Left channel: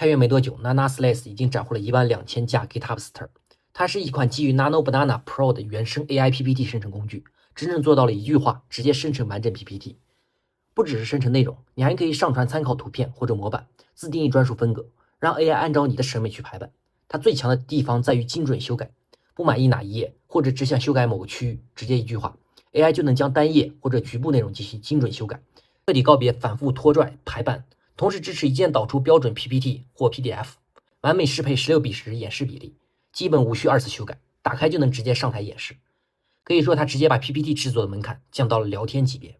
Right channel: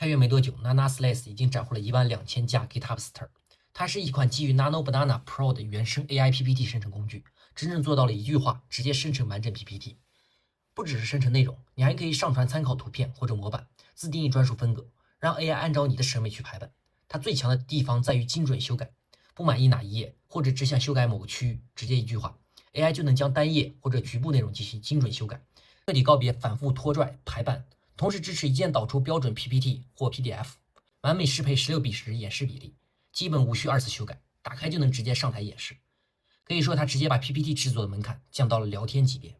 开源没多久 ，Nana Slash 已经斩获了12000架 GitHub Star。它是一款基于 Nano Banana Pro 的原生 AI PPT 生成工具，真正做到了一句话直接生成完整 PPT。不只是生成内容，你还可以上传参考图片或者模板，自定义专属风格，让 AI 按照你的审美去排版。它最强的地方在于精准修改，不满意哪一页或者只想修改某个区域，直接一句话 ，AI 就能将单页或者局部内容进行精准修改，彻底告别反复拖拽排版。同时支持一键导出标准 PPT 或 PDF，完美适配16:10演示比例，基本无需二次修改，打开就能直接上台演示。可以说它直接把 PPT 制作的门槛降到了聊天级别。